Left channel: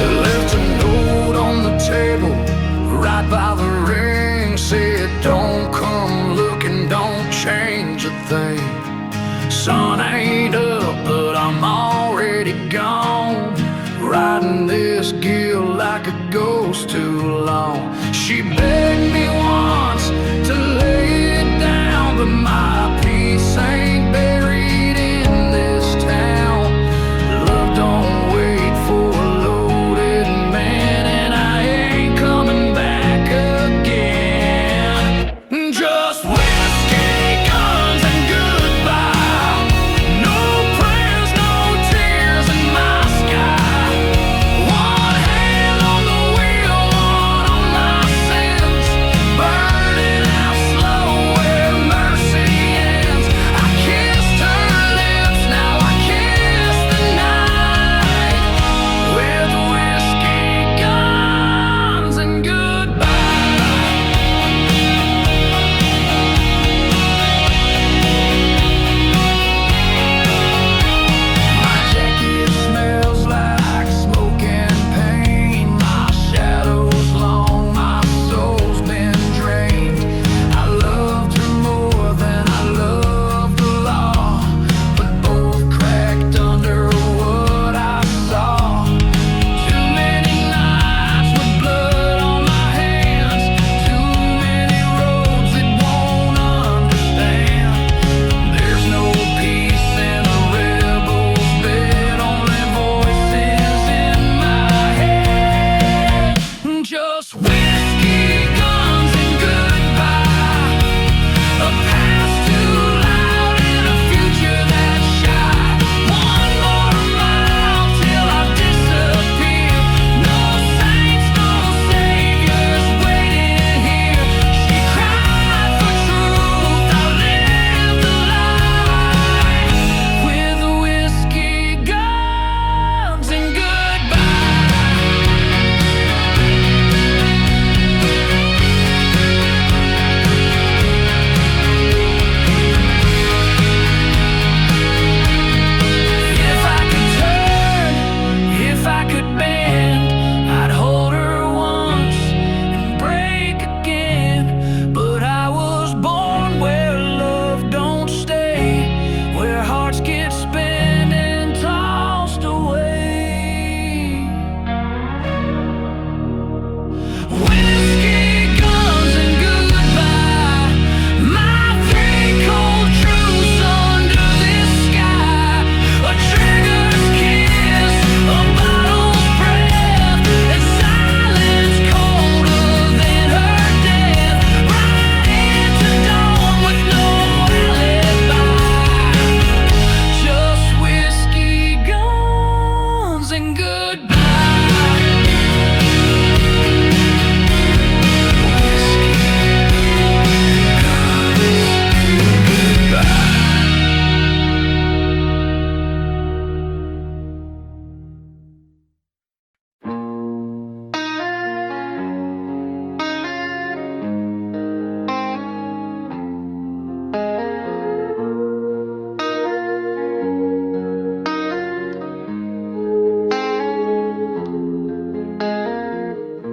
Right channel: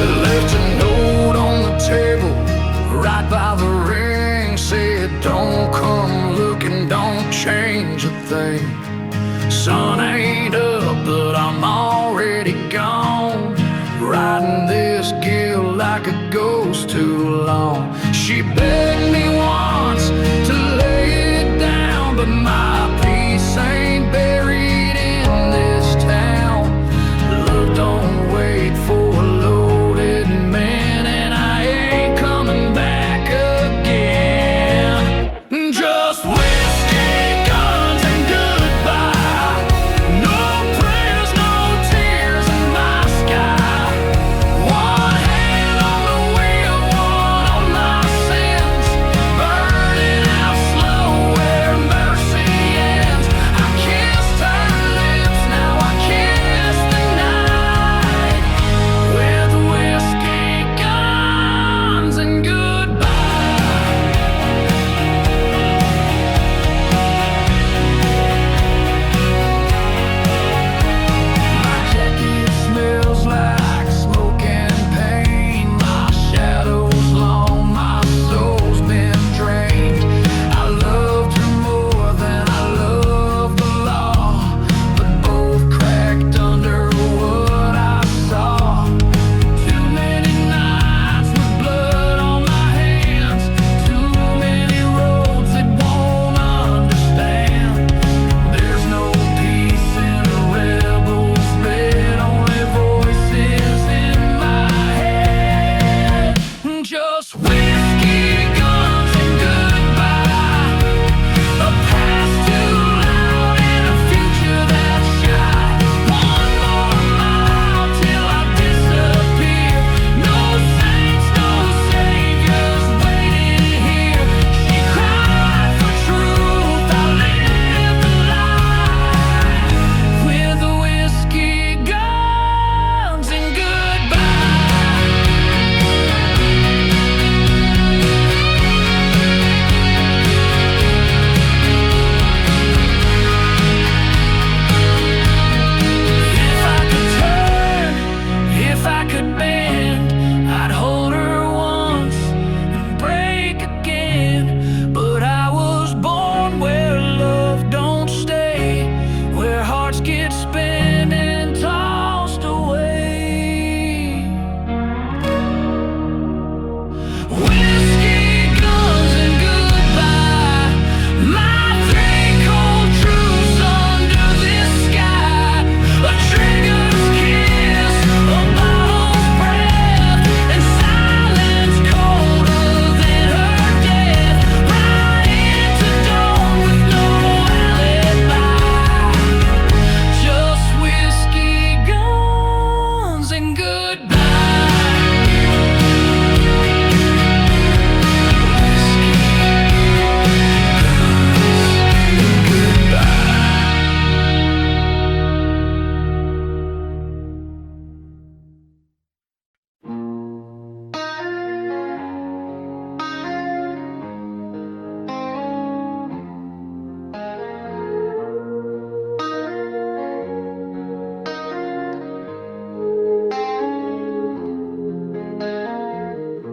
Left a note on the table right by the ring, said don't come looking, don't change a thing. Sun ain't up, but I'm already gone, riding this gill like a ghost too long. She begged me once to lay it down, but my peace ain't buried in this town. Love don't wait for a loaded man, and I ain't coming back again. Just whiskey, guns, and goodbye. No prayers, no tears in my sky. One hand on the wheel, one on my sins, burning out slow where mercy ends. I kissed her lips, now I kiss the night, with whiskey, guns, and goodbye. My jacket smells like smoke and pain. My shadow's long, my soul's been drained. I loved her more than I loved the law, but both cracked under what I saw. Too many nights with blood on my hands, too many roads that won't understand. There's no peace in a rebel's bed, only voices in my head. Just whiskey, guns, and goodbye. A past too loud and a future that's shy. One more mile till I disappear. No saints, no saviors waiting here. She cried for truth, I lived the lie, with whiskey, guns, and goodbye. If I could turn, if I could bend, I'd hold her once and break again. But I was born where love don't stay, where hearts get spent and tossed away. Whiskey, guns, and goodbye. My three cold truths under this sky. A trigger's kiss, a bottle's breath, and silence colder than her death. Right into dawn with no alibi. Just whiskey, guns, and goodbye. Whiskey, guns, and goodbye.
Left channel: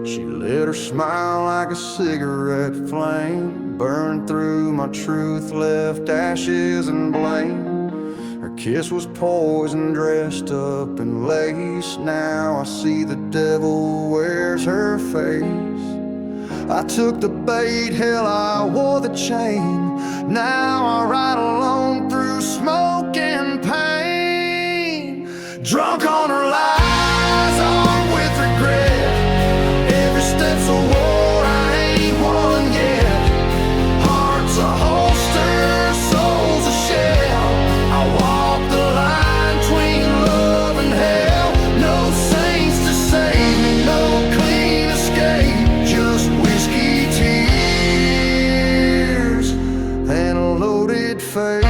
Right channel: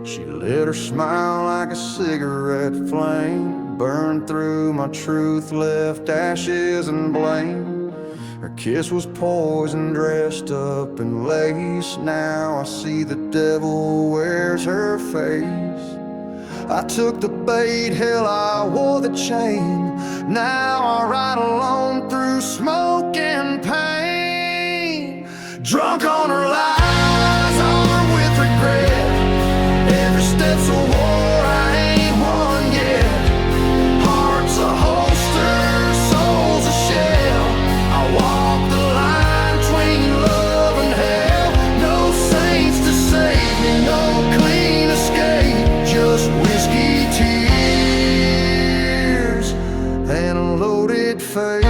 She lit her smile like a cigarette flame, burned through my truth, left ashes and blame. Her kiss was poison dressed up in lace. Now I see the devil wears her face. I took the bait, hell, I wore the chain. Now I ride alone through smoke and pain. Drunk on her lies, armed with regret. Every step's a war, I ain't won yet. Heart's a holster, soul's a shell. I walk the line between love and hell. No saints to save me, no clean escape. Just whiskey, tears, and a loaded fate.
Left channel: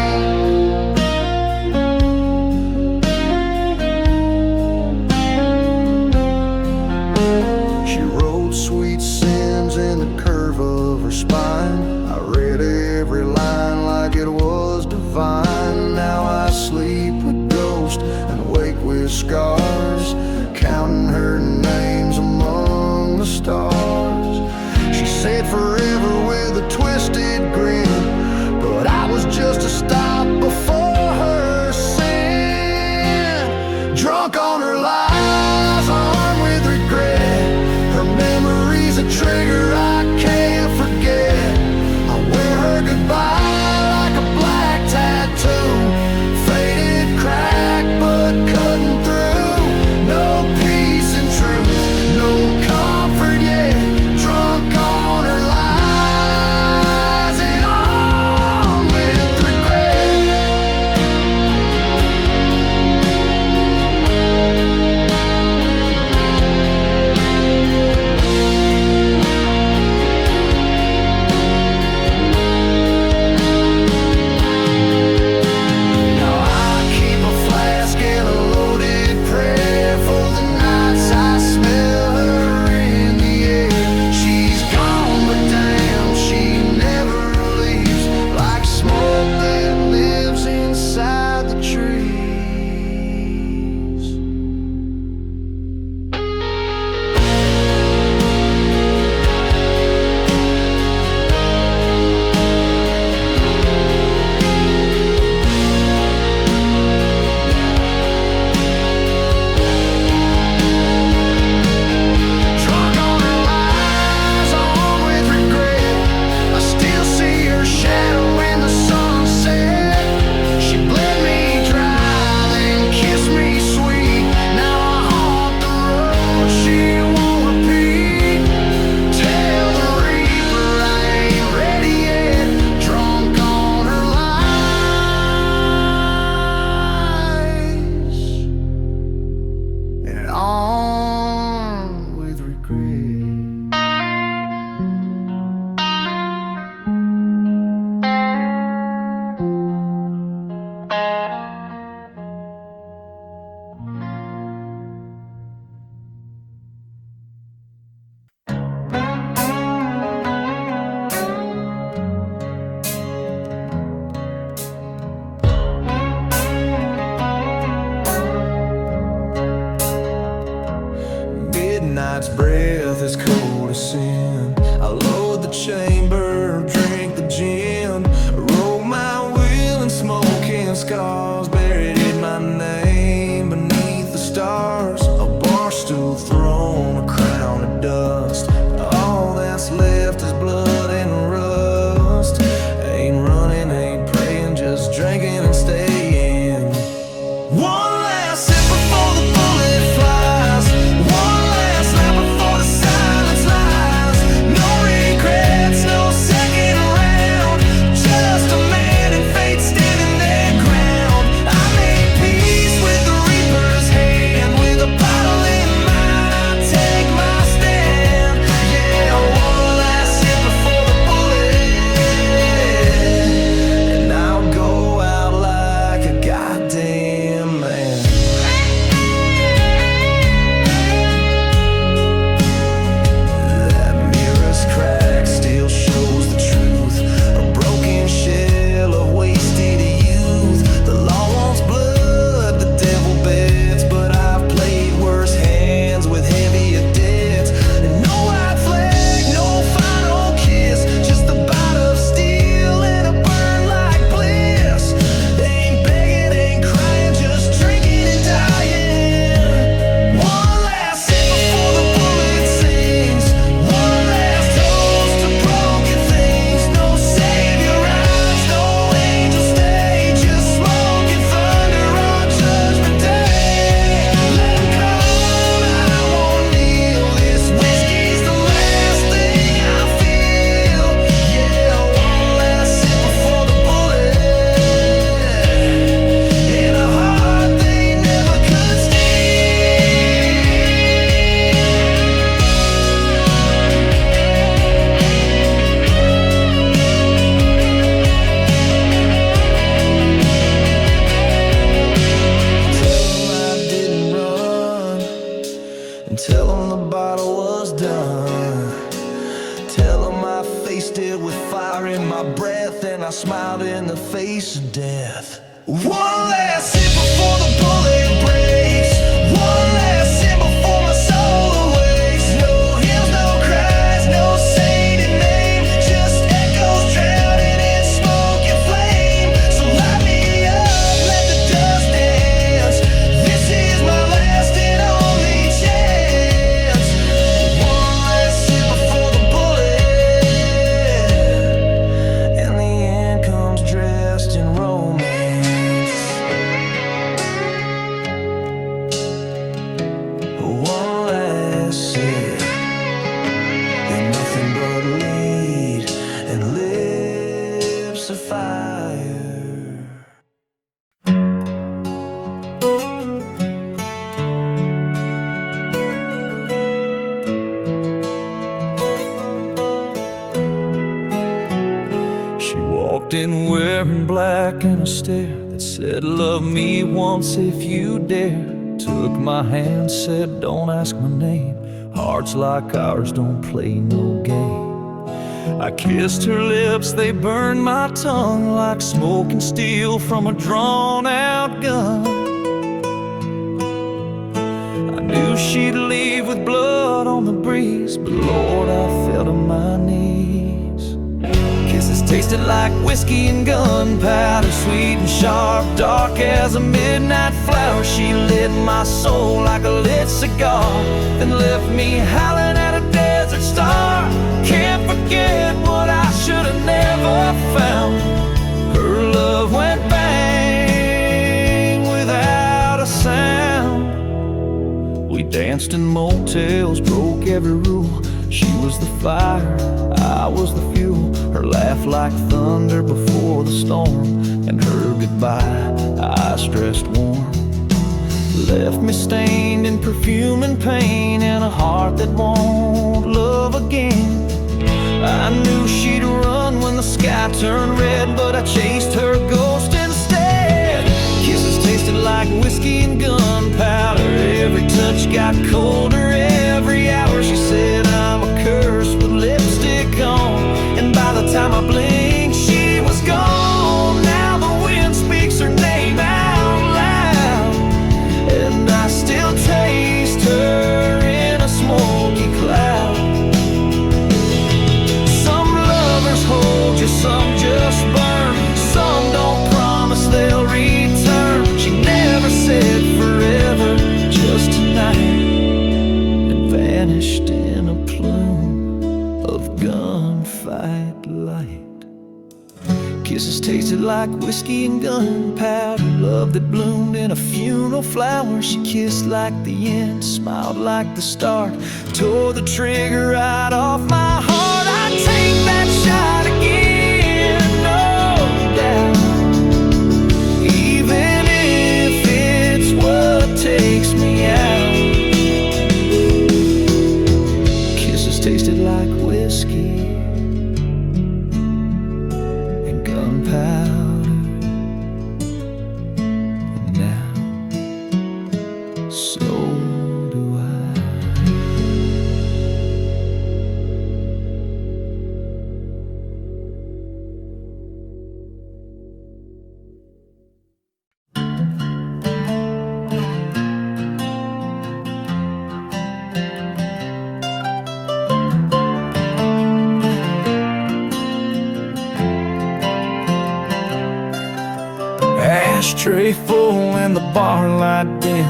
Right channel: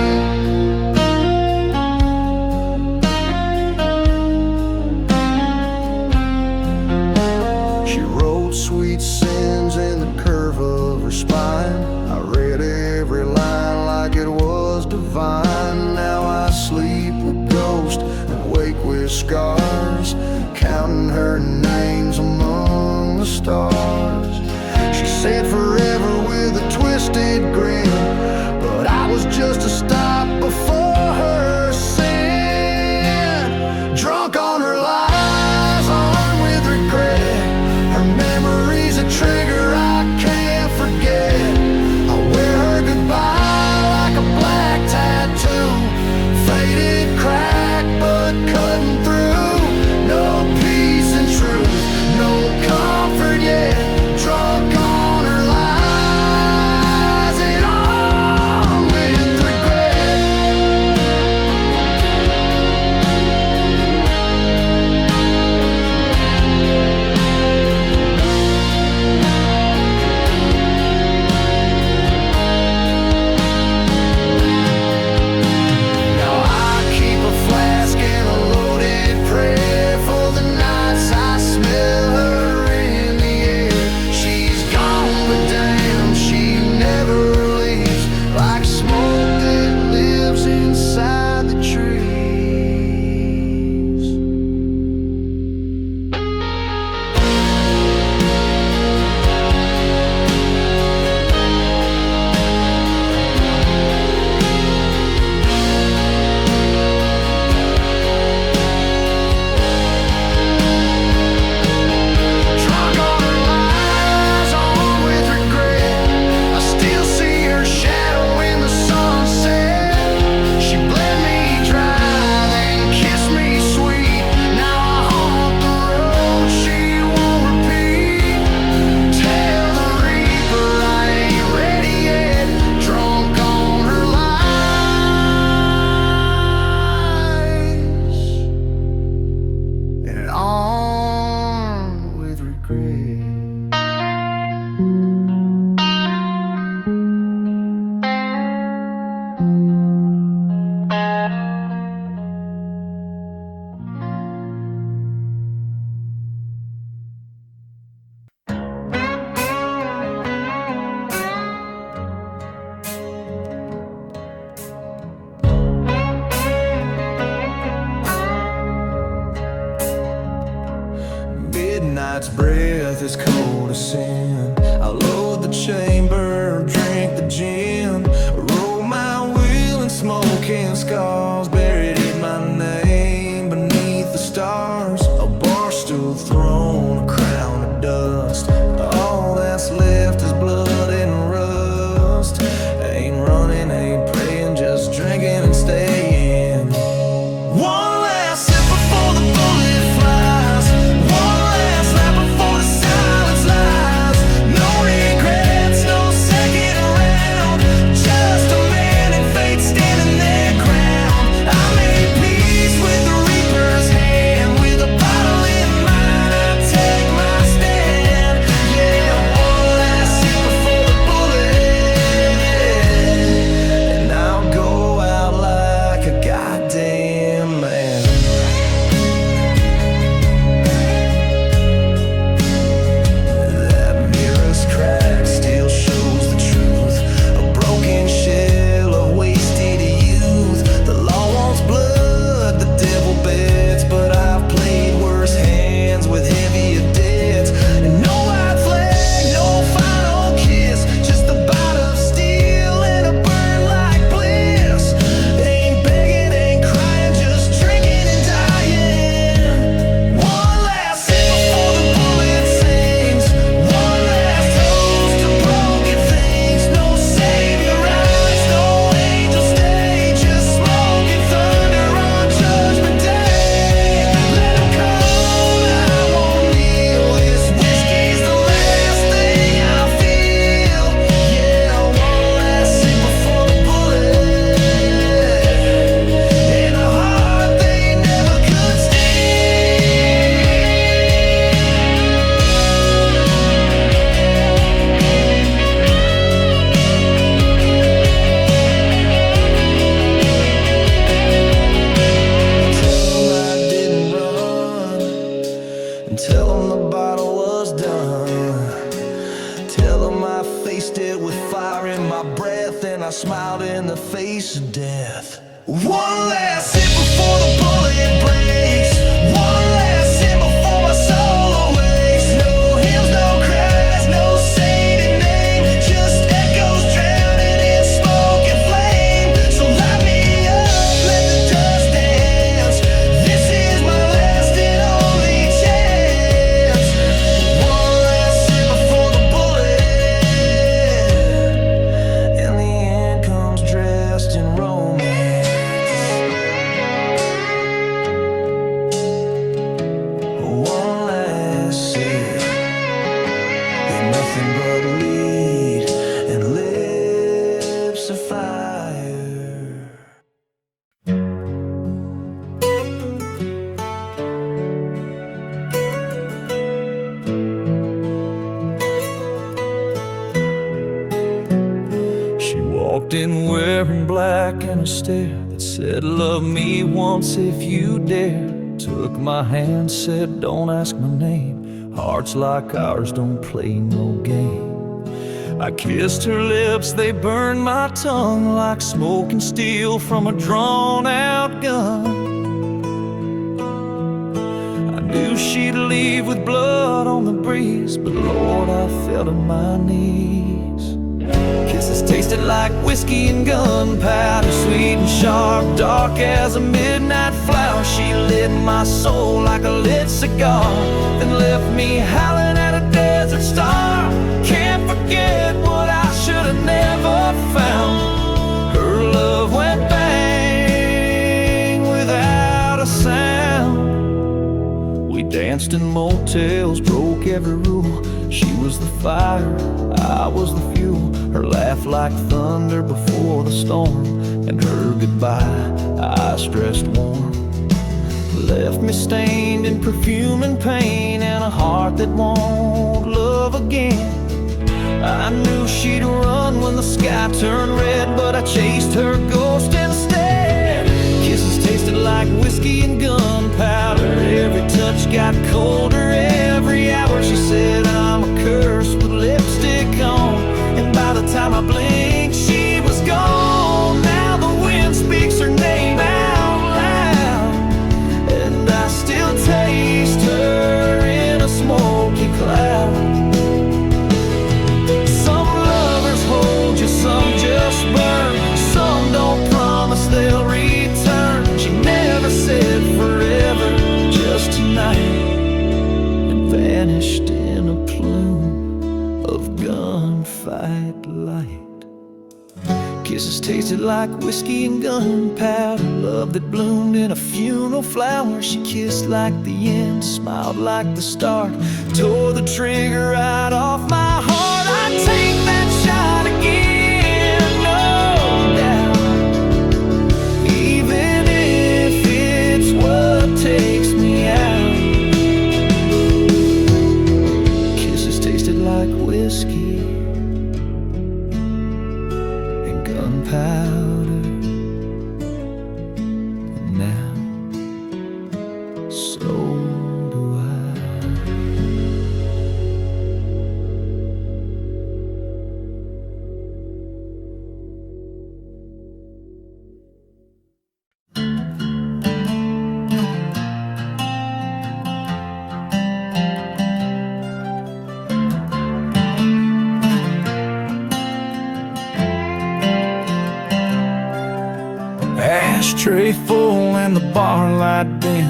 She wrote sweet sins in the curve of her spine. I read every line like it was divine. Now I sleep with ghosts and wake with scars, counting her names among the stars. She said forever with a twisted grin, but I was just a stop before her sin. Drunk on her lies, armed with regret, her memory's a trigger I can't forget. I wear her goodbye like a black tattoo, faded, cracked, but cutting through. No peace and truth, no comfort yet. Drunk on her lies and on with regret. Now I keep a flask and a loaded prayer for the nights I smell her in the air. She's gone, but damn, she never leaves, like smoke that lives inside the trees. Drunk on her lies, on with regret. I still see her shadow in the sunset. She bled me dry, then kissed me sweet. Now I haunt the road she won't repeat. Tell the reaper I ain't ready yet. Drunk on her lies and on with regret. Midnight's breath is cold as sin. I load the chamber, drink the gin, roll my wheel and smoking scars. Buried in my name beneath the stars, a bar stool throne, a crown of dust. All that's left is blood and rust. Ain't running, ain't praying, just drinking and staying. One last sip before the bullet flies. One last lap before the silence lies. No regrets, no second round. Just a man and fate standing their ground. I made peace with the reaper's hand. With a bottle in mine, I take my stand. Yeah, one last sip before the bullet, and I'll go out like a goddamn man. Crack still shows the truth, a broken shell of wasted youth. The law wants blood, the devil bets, but I've played worse hands with heavier debts. And no white flag, no final kiss, just a bite of steel and a burn like bliss. Ain't begging, ain't crying, just drinking and dying. One last sip before the bullet sings. One last toast to broken things. No savior rise, no angel stay, just smoking thunder on Judgment Day. Let 'em come, I won't kneel. This whiskey's the last thing I feel. Yeah, one last sip before the bullet, and a heart they never could steal. Tell 'em I didn't run, and tell 'em the bottle was done. Tell 'em I faced it with fire in my breath, and I smiled in the face of death. One last sip before the bullet breath. one last sip, then nothing but lead and lips of fire. She walked in wearing black and a stare that said, love me once if you dare. Took my hand, said, don't ask my name. Hearts like ours don't play no game. I kissed her lips, they burned my tongue like smoking steel from a drawn-out gun. I knew she'd leave with blood on the breeze, but Lord, I fell to my knees. Kisses tasted like whiskey and gunpowder, sweet and sharp, dark as a midnight flower. She lit my soul like a lit cigar, then left me howling at a desert star. Can't forget what I should have never found. Her love went bang without a sound. We danced in motels, broke every rule. She was the fire, I was the fuel. Her laugh like thunder before the storm, and her goodbye, I stressed warm. Left me stained in perfume and pain, and a heart that won't love again. I knew she'd run when the sky turned red, but I chased her ghost instead. Kisses tasted like whiskey and gunpowder, every touch got colder every hour. She said I'm a curse with lipstick on, and by the time I blinked she was gone. Now the wind speaks her name out loud, and I still taste her in a smoky cloud. Some lovers hold you, some just burn, some don't promise they'll return. She never said forever, just tonight, and vanished in a plume of gunfight light. Kisses tasted like whiskey and gunpowder, love that bloomed in a funeral flower. She kissed like the end, smiled like the start, tore the trigger right off my heart. I'd take that shot again, no doubt, even if it's what takes me out. Kisses tasted like whiskey and gunpowder, and now so do I. Ashtray full and the bar light dim.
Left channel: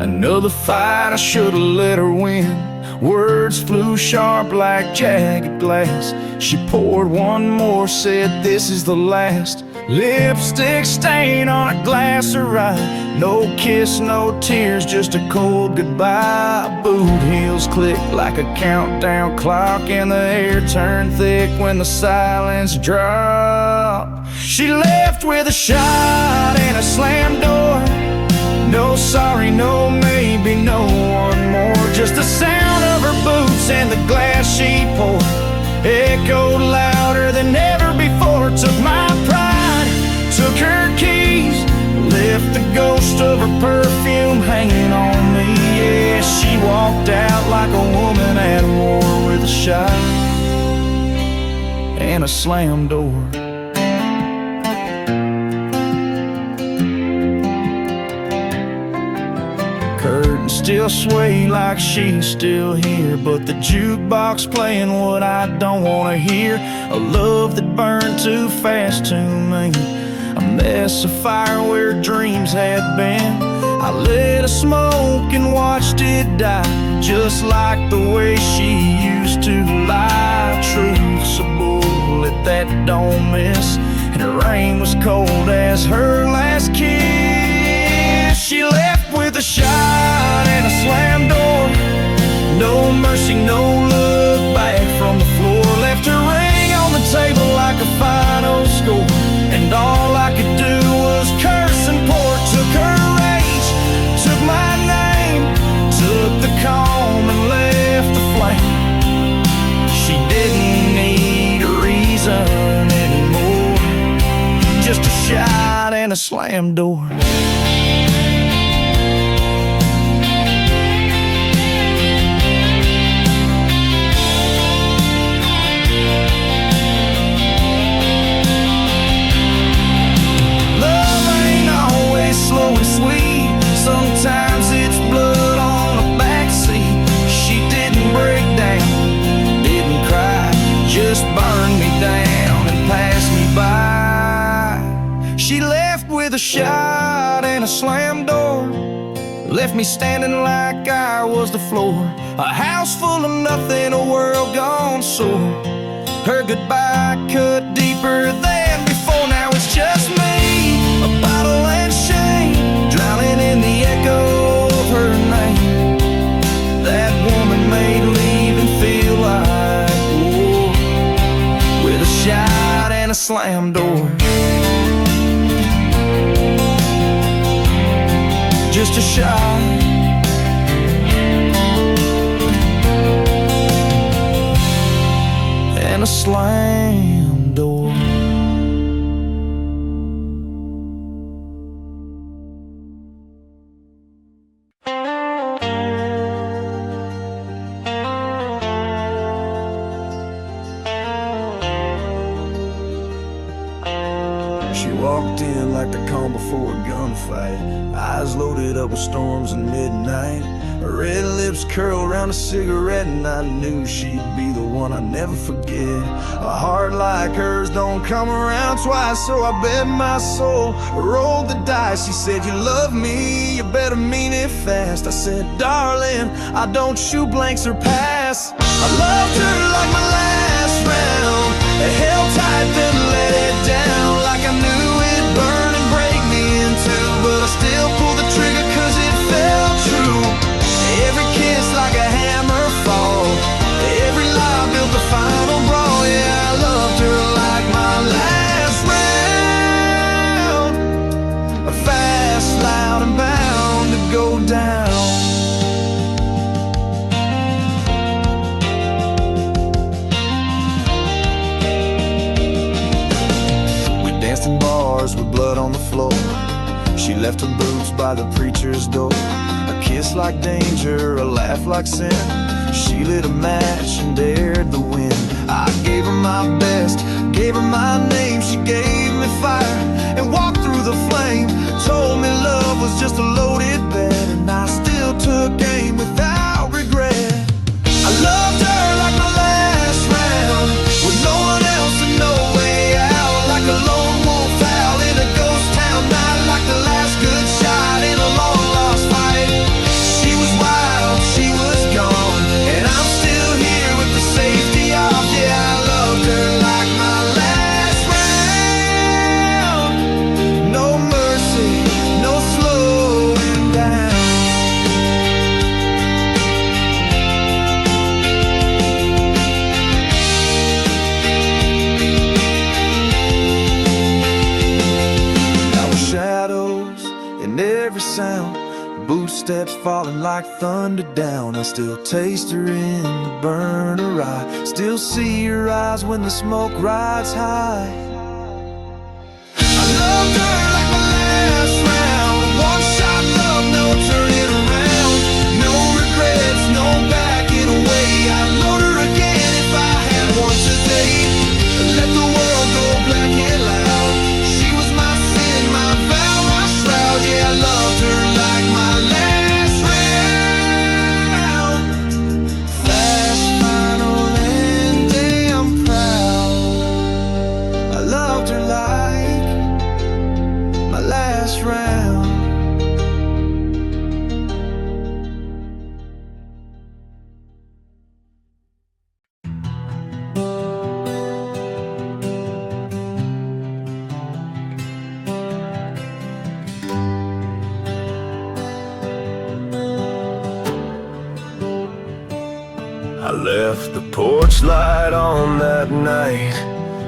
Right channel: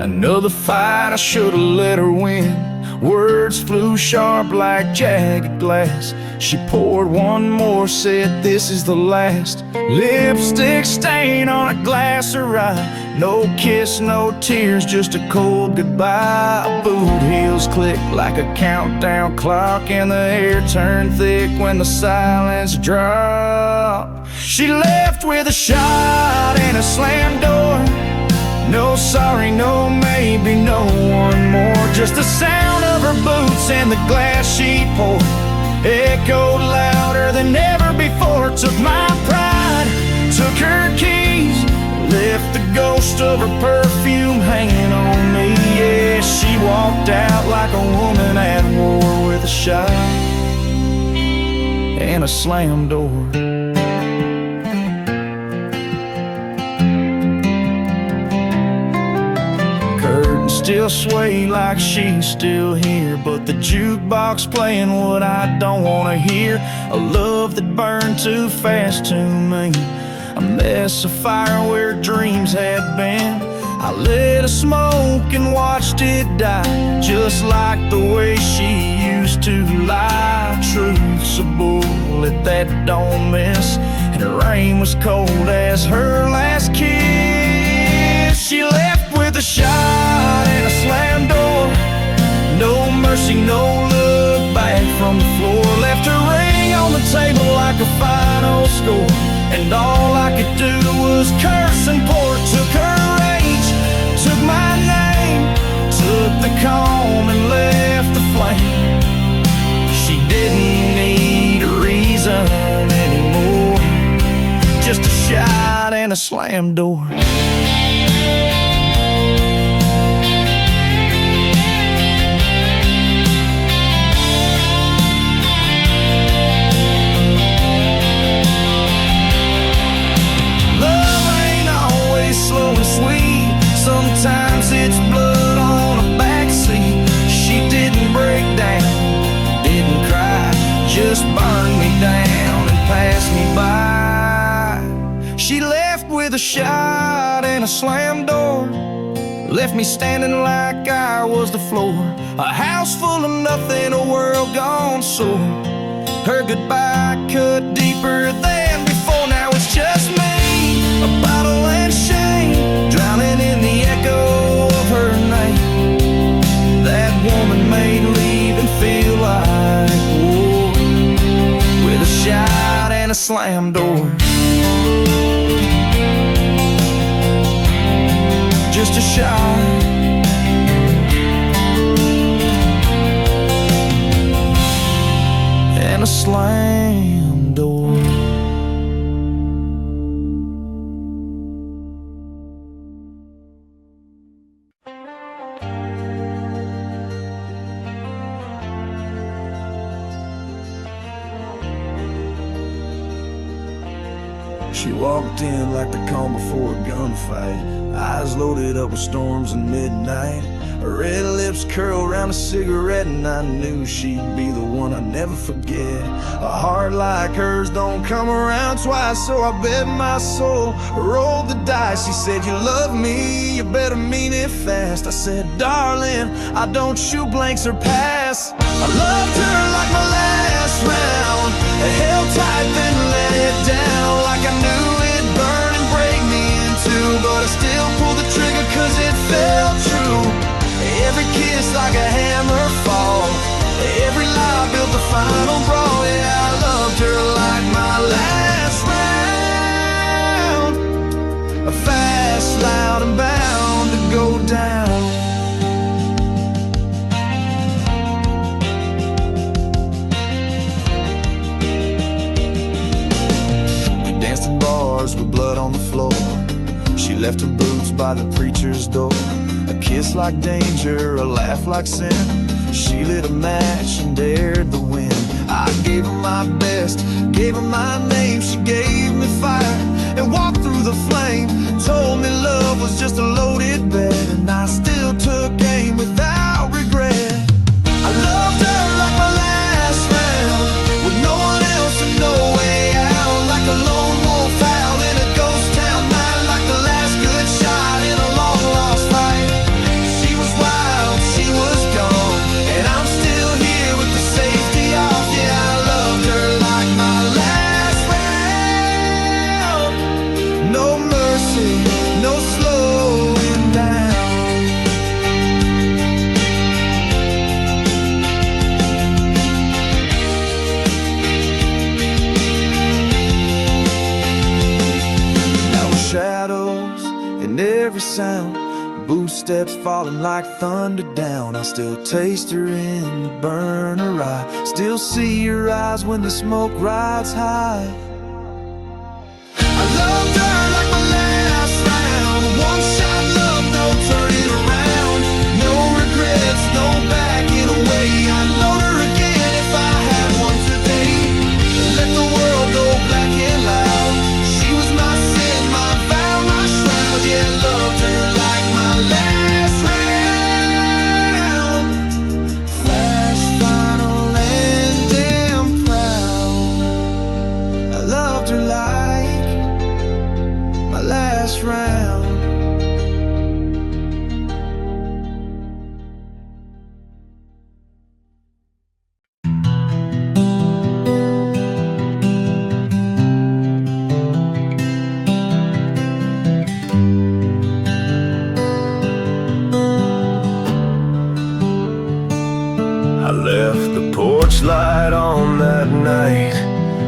Another fight, I should've let her win. Words flew sharp like jagged glass. She poured one more, said this is the last. Lipstick stain on a glass of rye. No kiss, no tears, just a cold goodbye. Boot heels clicked like a countdown clock, and the air turned thick when the silence dropped. She left with a shot and a slammed door. No sorry, no maybe, no one more. Just the sound of her boots and the glass she poured echoed louder than ever before. Took my pride, took her keys, left the ghost of her perfume hanging on me. Yeah, she walked out like a woman at war, with a shot and a slammed door. Curtains still sway like she's still here, but the jukebox playing what I don't want to hear. A love that burned too fast to me, a mess of fire where dreams had been. I lit a smoke and watched it die, just like the way she used to lie. Truth's a bullet that don't miss, and her rain was cold as her last kiss. She left with a shot and a slammed door. She no look back from the floor, left her ring on the table like a final score. And all I could do was curse and pour. Took her rage, took my name, took the calm and left the flame. She didn't need a reason anymore, just a shot and a slam door. Slow and sweet, sometimes it's blood on a backseat. She didn't break down, didn't cry, just burned me down and passed me by. She left with a shot and a slam door, left me standing like I was the floor. A house full of nothing, a world gone sore. Her goodbye cut deeper than before. Now it's just me, a bottle and shame, drowning in the echo of her name. That woman made leaving feel like war, with a shot and a slam door. Just a shot and a slam door. She walked in like the calm before a gunfight, eyes loaded up with storms and midnight. Her red lips curled around a cigarette, and I knew she'd be the one I'd never forget. A heart like hers don't come around twice, so I bet my soul, rolled the dice. She said, "You love me, you better mean it fast." I said, "Darling, I don't shoot blanks or pass." I loved her like my last round, held tight then let it down, like I knew it'd burn and break me in two, but I still pulled the trigger cause it felt true. Every kiss like a hammer fall, every lie built the final brawl. Yeah, I loved her like my last round, fast, loud and bound to go down. We danced in bars with blood on the floor. She left her boots by the preacher's door. A kiss like danger, a laugh like sin. She lit a match and dared the wind. I gave her my best, gave her my name. She gave me fire and walked through the flame. Told me love was just a loaded bet, and I still took aim without regret. I loved her like my last round, with no one else and no way out. Like a lone wolf howl in a ghost town night, like the last good shot in a long lost fight. She was wild, she was gone, and I'm still here with the safety off. Yeah, I loved her like my last round. No mercy, no slowing down. Now with shadows in every sound, boot steps falling like thunder down. I still taste her in the burner eye, still see her eyes when the smoke rides high. I loved her like my last round, one shot love, no turning around. No regrets, no backing away. I'd load her again if I had one today. Let the world go black and loud. She was my sin, my vow, my shroud. Yeah, I loved her like my last round. Fast, final, and damn proud. I loved her like my last round. I left the porch light on that night,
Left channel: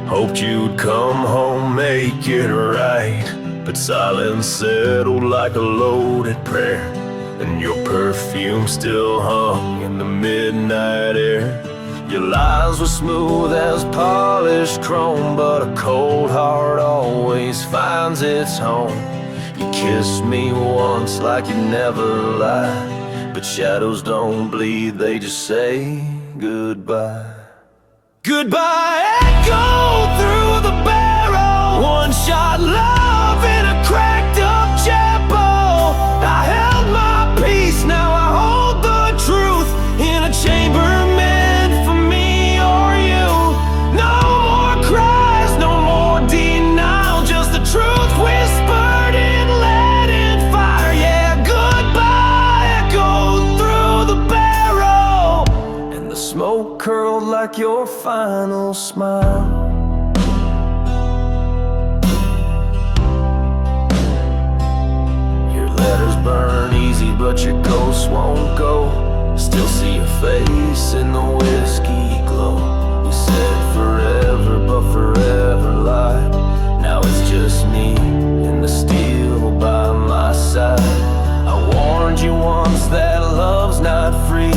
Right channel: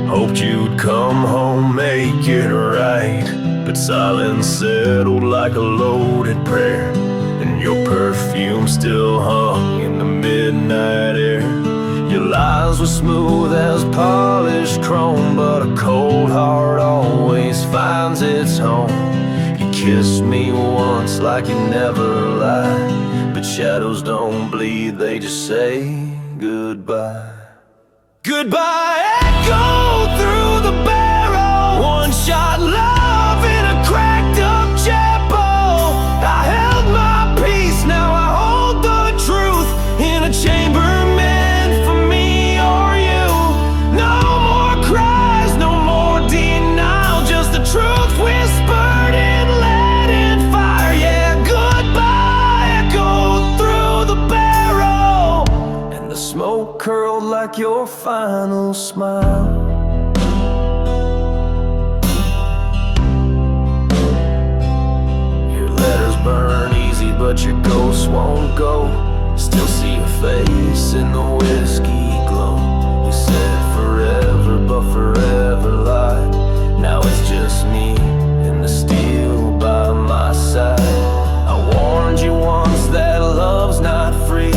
hoped you'd come home, make it right. But silence settled like a loaded prayer, and your perfume still hung in the midnight air. Your lies were smooth as polished chrome, but a cold heart always finds its home. You kissed me once like you never lied, but shadows don't bleed, they just say goodbye. Goodbye echoed through the barrel, one-shot love in a cracked up chapel. I held my peace, now I hold the truth in a chamber meant for me or you. No more cries, no more denial, just the truth whispered in lead and fire. Yeah, goodbye echoed through the barrel, and the smoke curled like your final smile. Your letters burn easy, but your ghost won't go. Still see your face in the whiskey glow. You said forever, but forever lied. Now it's just me and the steel by my side. I warned you once that love's not free.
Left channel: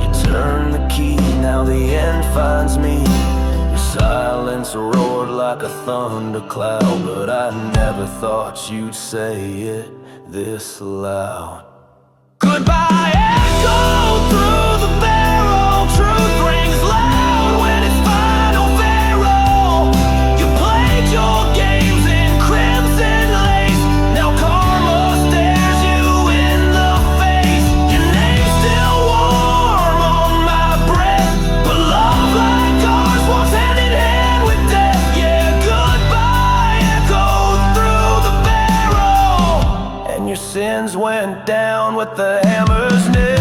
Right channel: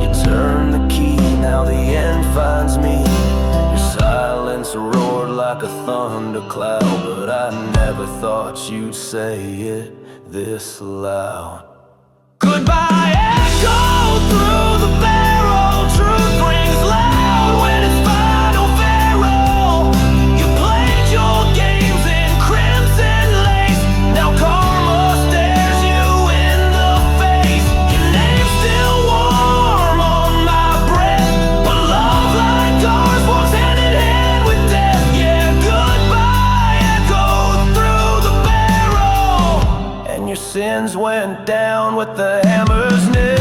You turn the key, now the end finds me. Your silence roared like a thundercloud, but I never thought you'd say it this loud. Goodbye echoed through the barrel, truth rings loud when it's final farewell. You played your games in crimson lace, now karma stares you in the face. Your name's still warm on my breath, but love like ours walks hand in hand with death. Yeah, goodbye echoed through the barrel, and your sins went down with the hammer's nail.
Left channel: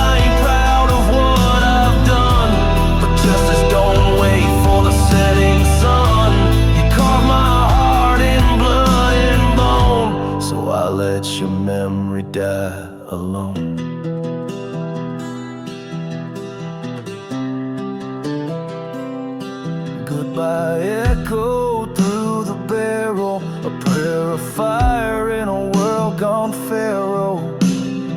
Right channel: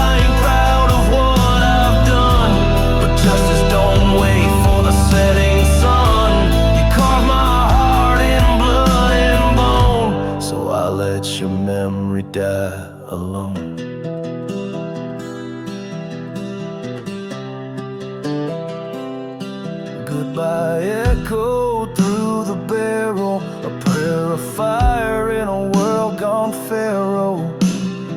I ain't proud of what I've done, but justice don't wait for the setting sun. You carved my heart in blood and bone, so I let your memory die alone. Goodbye echoed through the barrel, a prayer of fire in a world gone pharaoh.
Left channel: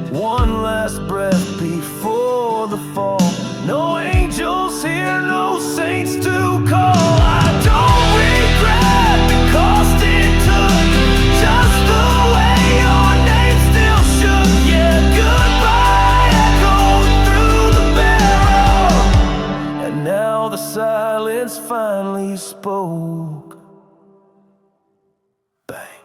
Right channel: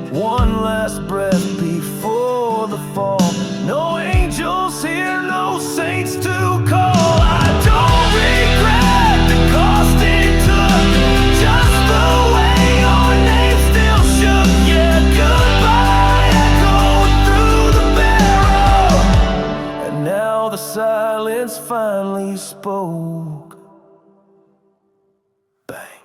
One last breath before the fall. No angels here, no saints to call. I don't regret the cost it took, just the way your name still shook. Yeah, goodbye echoed through the barrel, and now the silence finally spoke. Bang.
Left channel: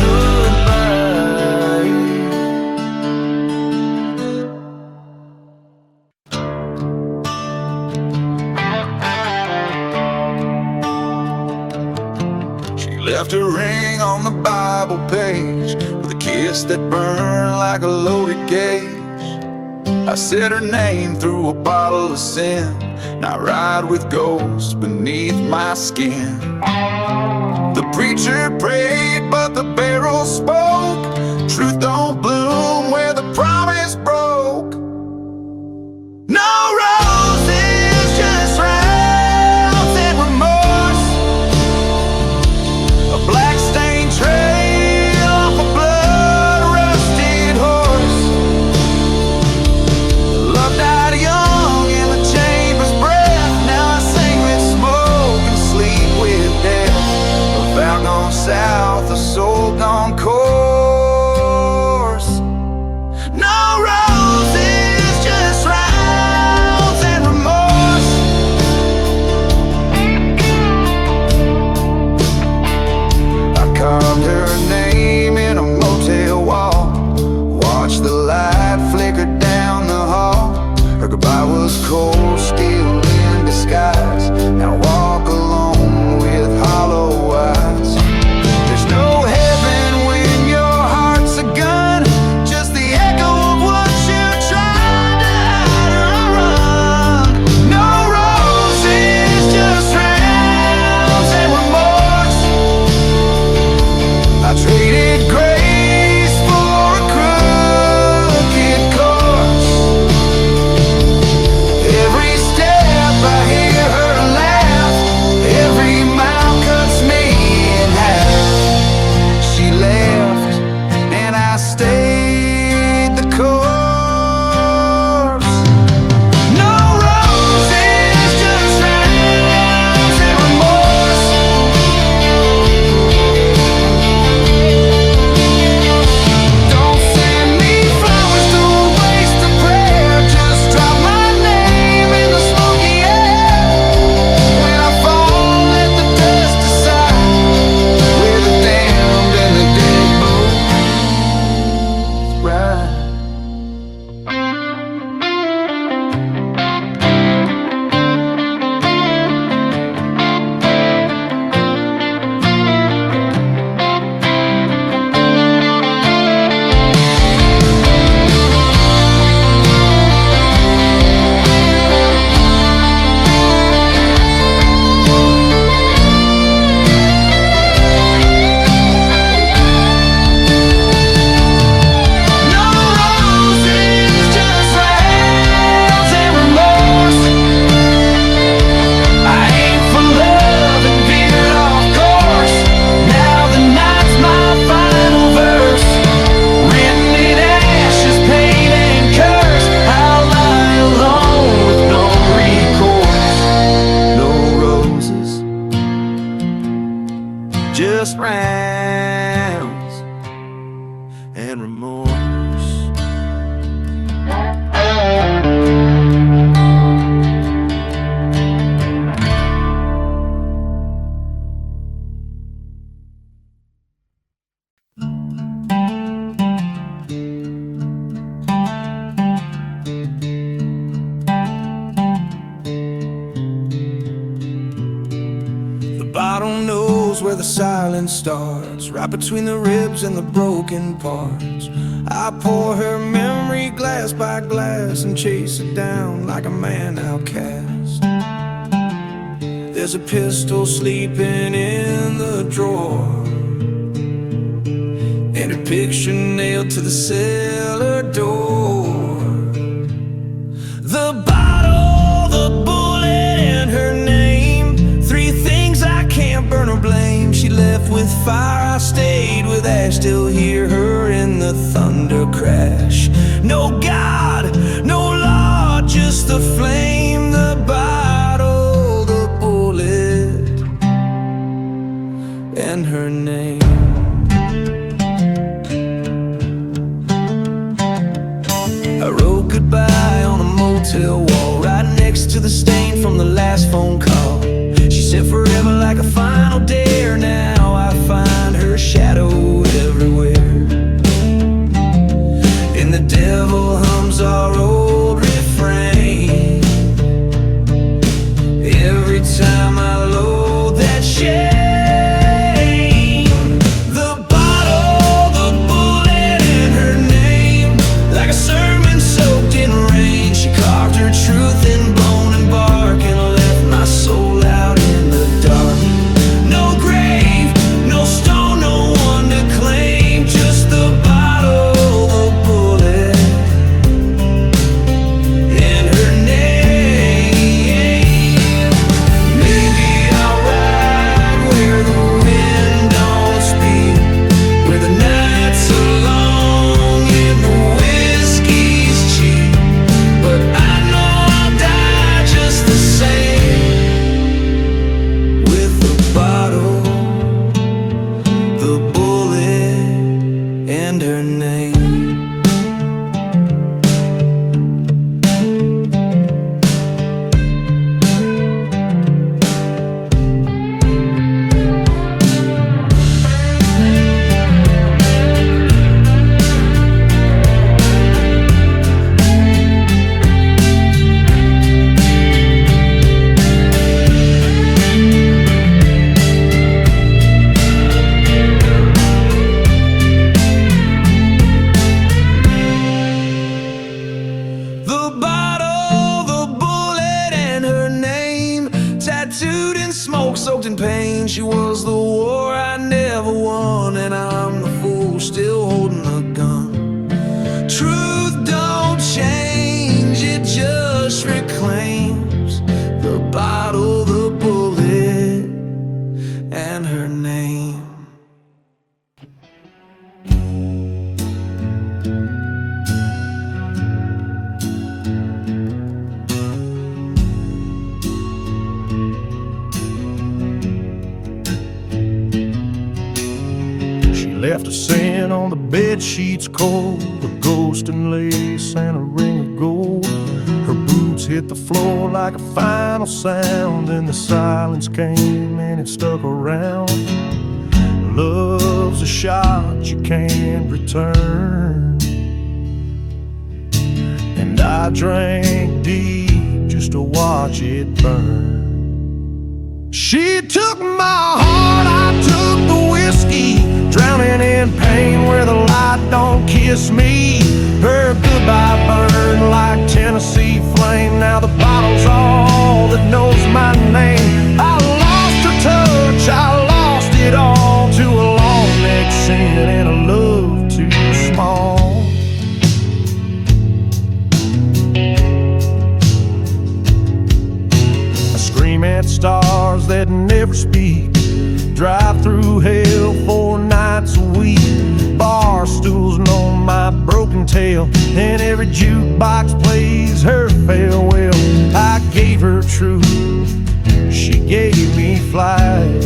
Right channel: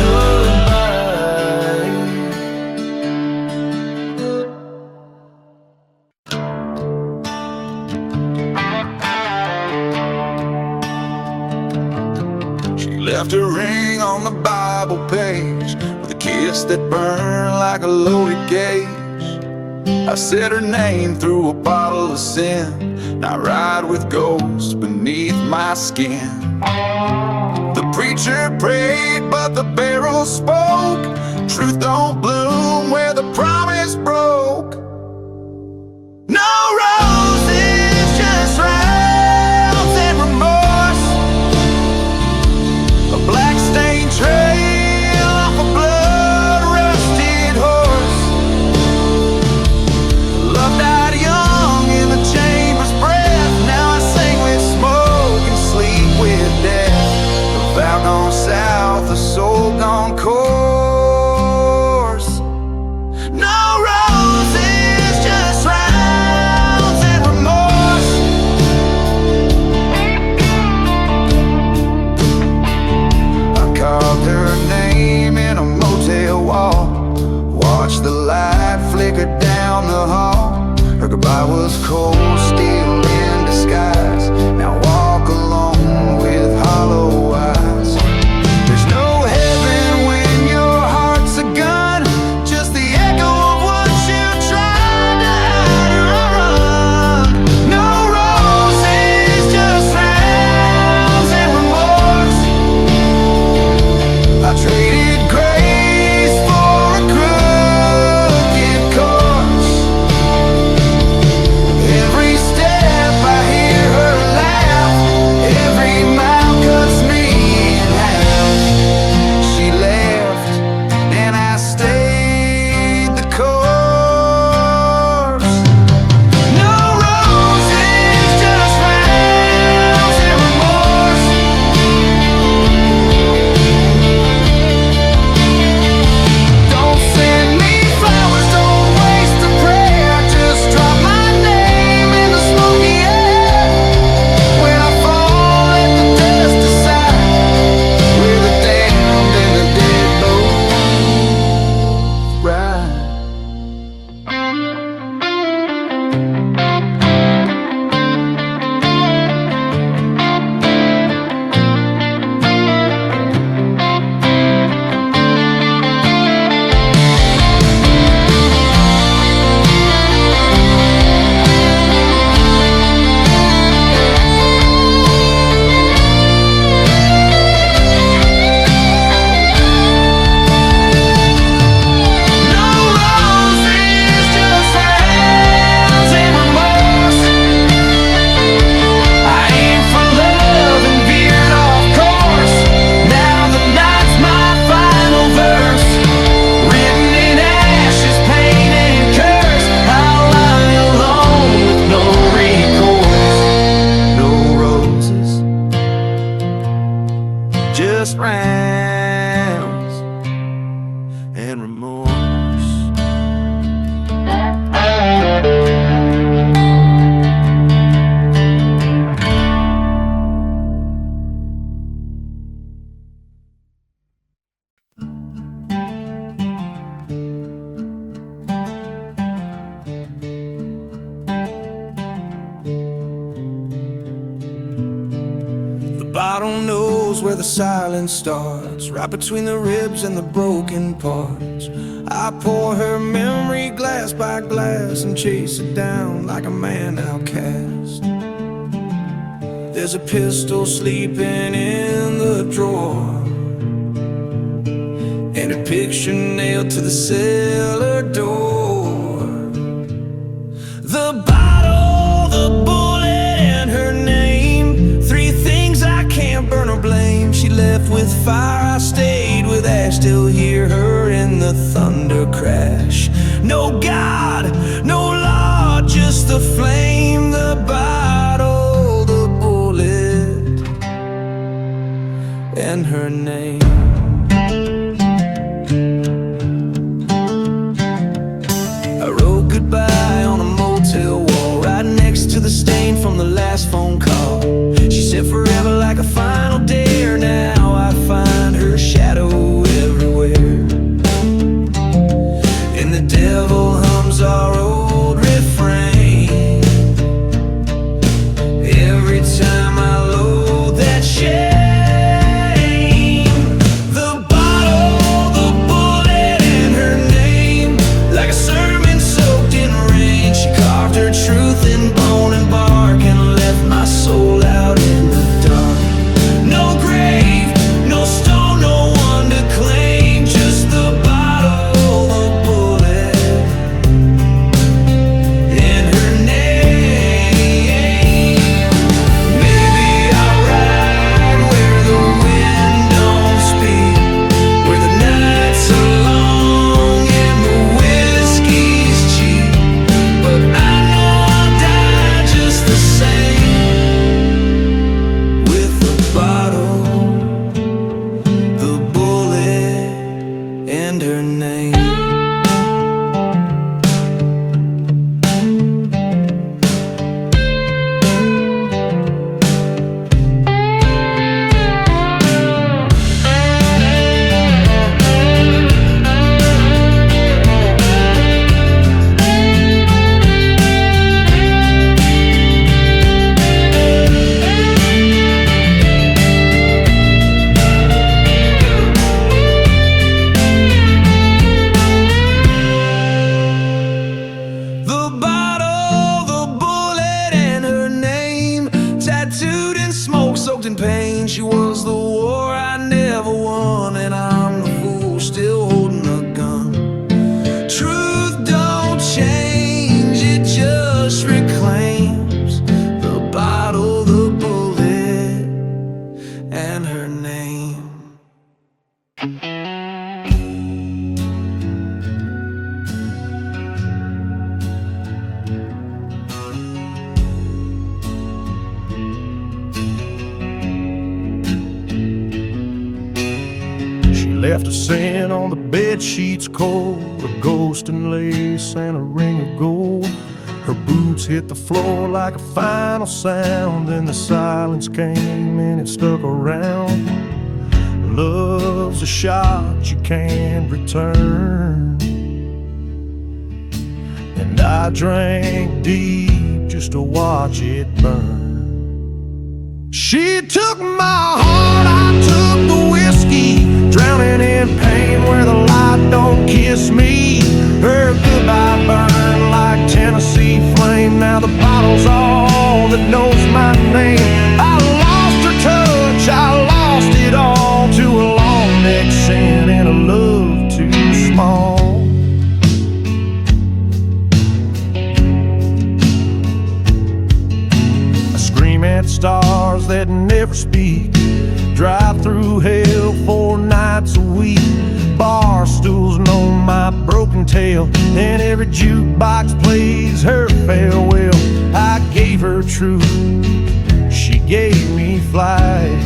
Goodbye. She left a ring on the Bible page with a kiss that burned like a loaded gauge. I said her name through a bottle of sin. Now I ride with ghosts beneath my skin. The preacher prayed, but the barrel spoke. Truth don't bloom where the promise broke. No roses, just rounds and remorse. A black-stained trail off a blood-rusted horse. Love died young in the chamber's breath. Now I sing with smoke and sleep with death. A vow gone south, a soul gone coarse. No roses, just rounds and remorse. I carved her name in a motel wall, watched the light flicker down the hall. Her goodbye was cold steel in disguise. Now walk alone with hollow eyes. There's no heaven when your heart's a gun, just the echo of what you tried to hide or run. No roses, just rounds last rounds and remorse. The bottle knows where the silence starts, right between the ribs and the broken parts. I pour her memory glass by glass and chase it down like a man outcast. There's a pistol sleeping in the drawer, and a picture nailed to the cellar door. The bottle, the bullet, and her name, three things I can't burn or blame. She left with fire, I stayed with ash. Still hear her in the thunder crash. No God, no law, just the flame. The bottle, the bullet, and her name. I wrote goodbye on a motel wall, right next to the stain from the last phone call. She said forever like a final dare. Now I find her shadow everywhere, and the devil hums our old refrain every time I load that shame. The bottle, the bullet, and her name, like a sermon soaked in rain. She carved her truth in bone and bark and left my soul out in the dark. No grave, no stone, no one to claim, just the bottle, the bullet, and her name. Maybe I'll ride where the wind don't speak, where the nights are long and the whiskey's cheap. But I know I'll die just the same, with the bottle, the bullet, and her name. The bottle, the bullet, and her name, tattooed in smoke, soaked in pain. She was the war I never won, and I'm the fool still holding the gun. Truth don't change, it just reclaims the bottle, the bullet, and her name. She left a scent on the bed sheets cold, a ghost in lace and a ring of gold. Her boots hit the floor like a final sound, and the silence came and it stuck around. Love's a shot you can't return, and I drank deep just to watch it burn. She took my heart, I took the whiskey, drowning in pain where the light don't kiss me. Her goodbye burned like Tennessee flame. Now the bottle's all that knows my name. I lost her touch, I lost it all to a long neck sin and a love too small. I scream at stars that never speak, drive through hell 4 nights a week. Bar stools know my broken tale, and every jukebox plays her farewell. I gave her truth, she gave me flight.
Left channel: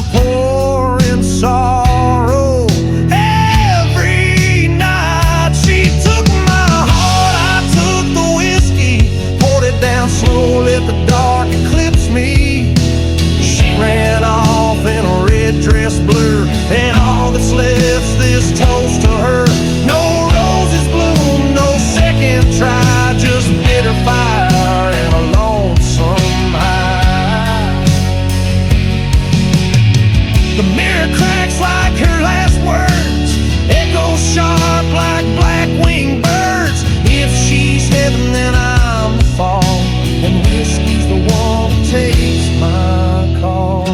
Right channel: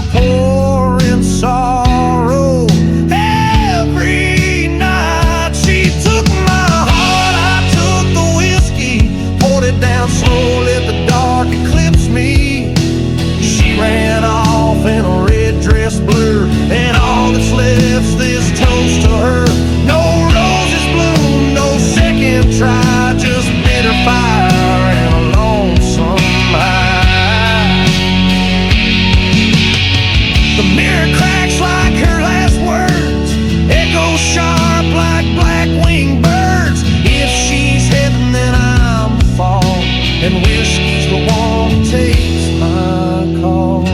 I'm pouring sorrow. Every night she took my heart, I took the whiskey, poured it down slow, let the dark eclipse me. She ran off in a red dress blur, and all that's left's this toast to her. No roses bloom, no second try, just bitter fire and a lonesome high. The mirror cracks like her last words, echoes sharp like black-winged birds. If she's heaven, then I'm the fall, and whiskey's the one who takes my call.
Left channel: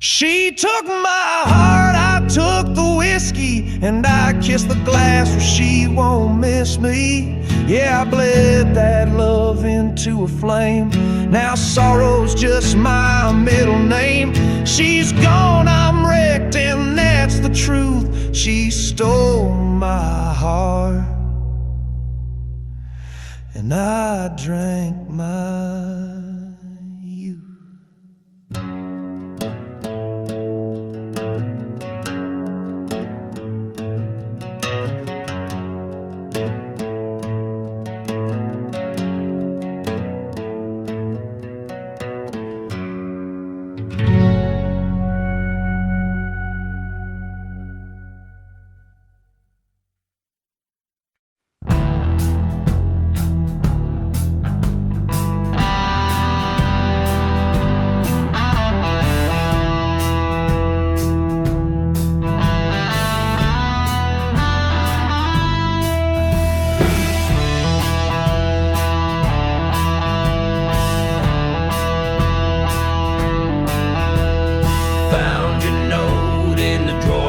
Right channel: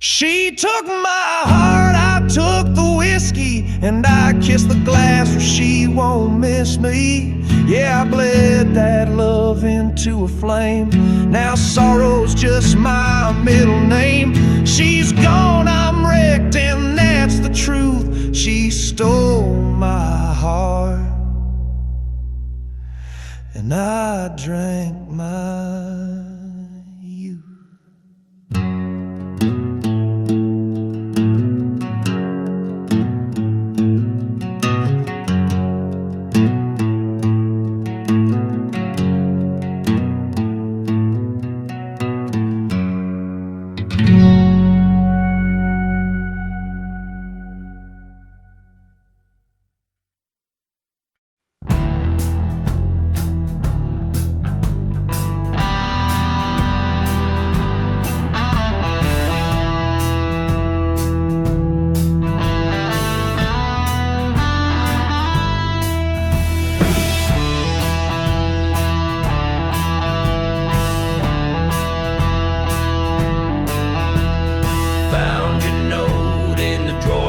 She took my heart, I took the whiskey, and I kissed the glass where she won't miss me. Yeah, I bled that love into a flame. Now sorrow's just my middle name. She's gone, I'm wrecked, and that's the truth. She stole my heart, and I drank my youth.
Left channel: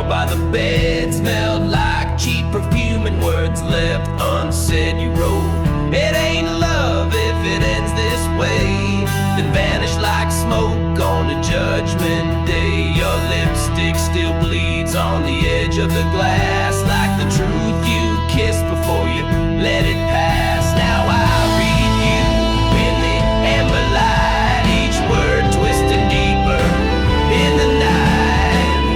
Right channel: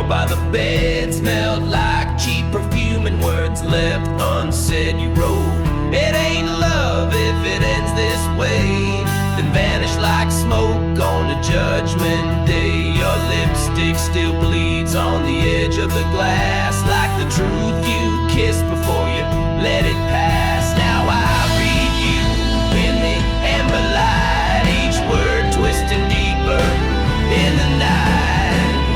By the bed, smelled like cheap perfume, and words left unsaid you wrote. It ain't love if it ends this way, then vanish like smoke on a judgment day. Your lipstick still bleeds on the edge of the glass, like the truth you kissed before you let it pass. Now I read you in the amber light, each word twisting deeper in the night.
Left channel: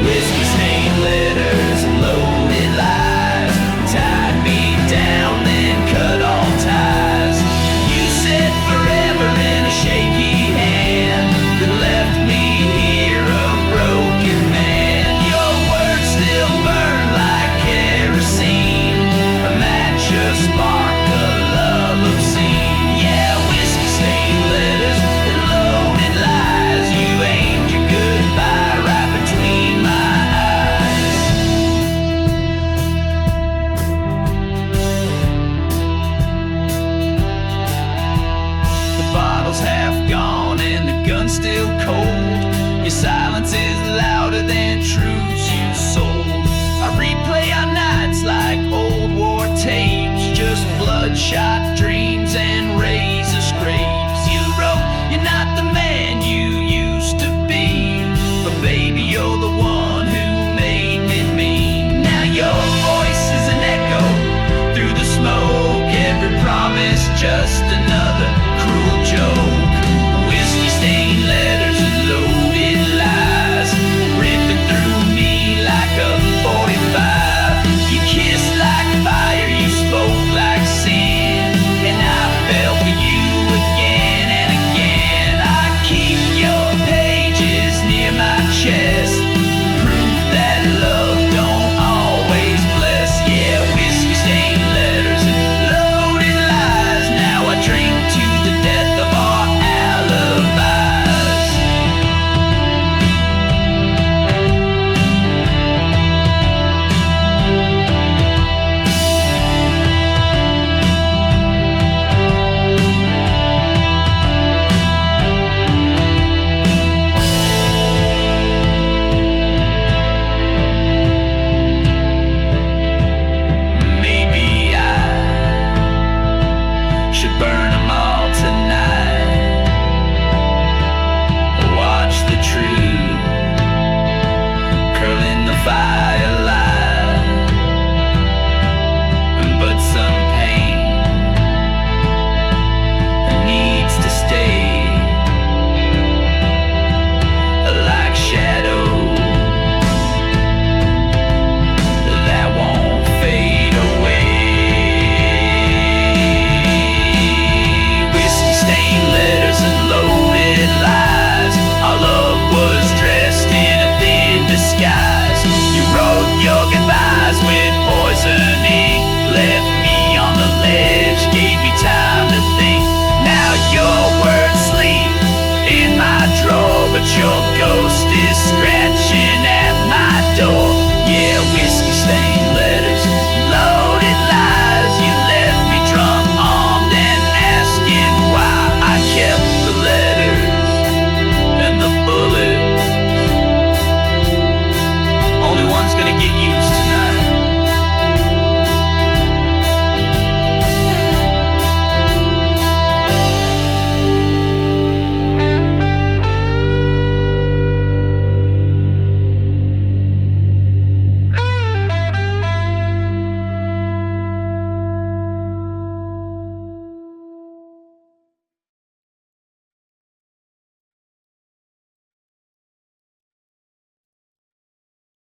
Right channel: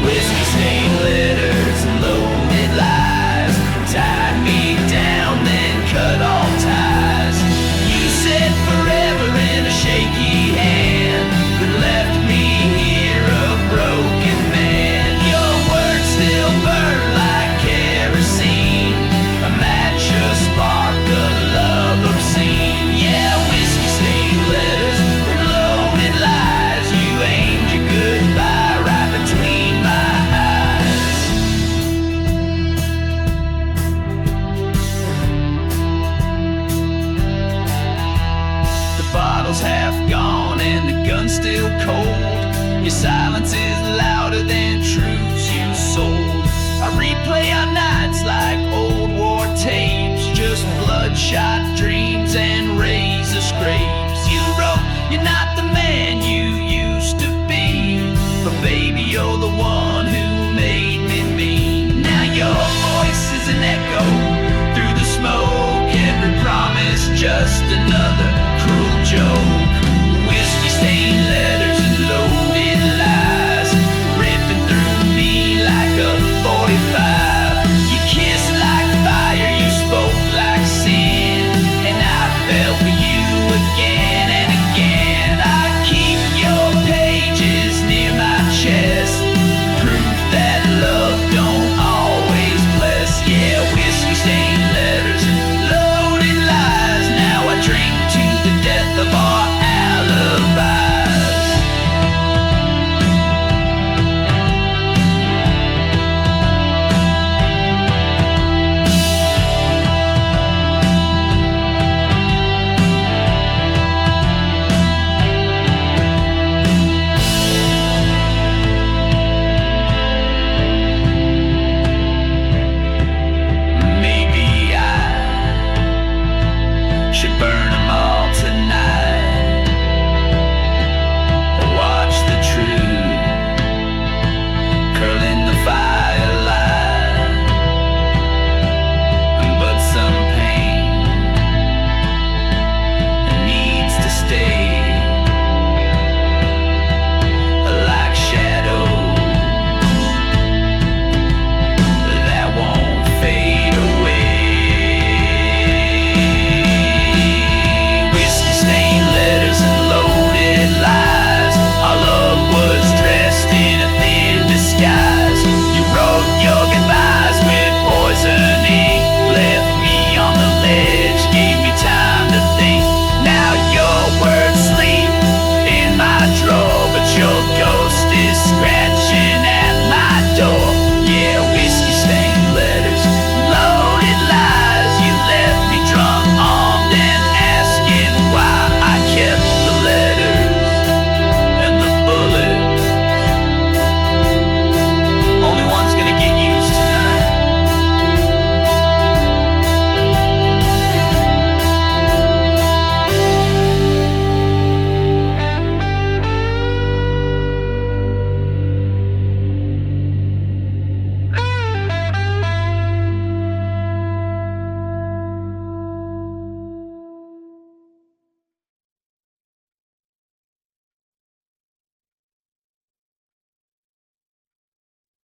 Whiskey stained letters and loaded lies tied me down, then cut all ties. You said forever in a shaky hand, then left me here a broken man. Your words still burn like kerosene, a match, a spark, a love obscene. Yeah, whiskey stained letters and loaded lies, you aimed your goodbye right between my eyes. The bottle's half gone and the gun's still cold. Your silence is louder than truths you sold. I replay our nights like old war tapes, just bloodshot dreams and razor scrapes. You wrote, you're not the man you used to be, but baby, you're the one who made me mean. Now your voice is an echo through the smoke, every promise just another cruel joke.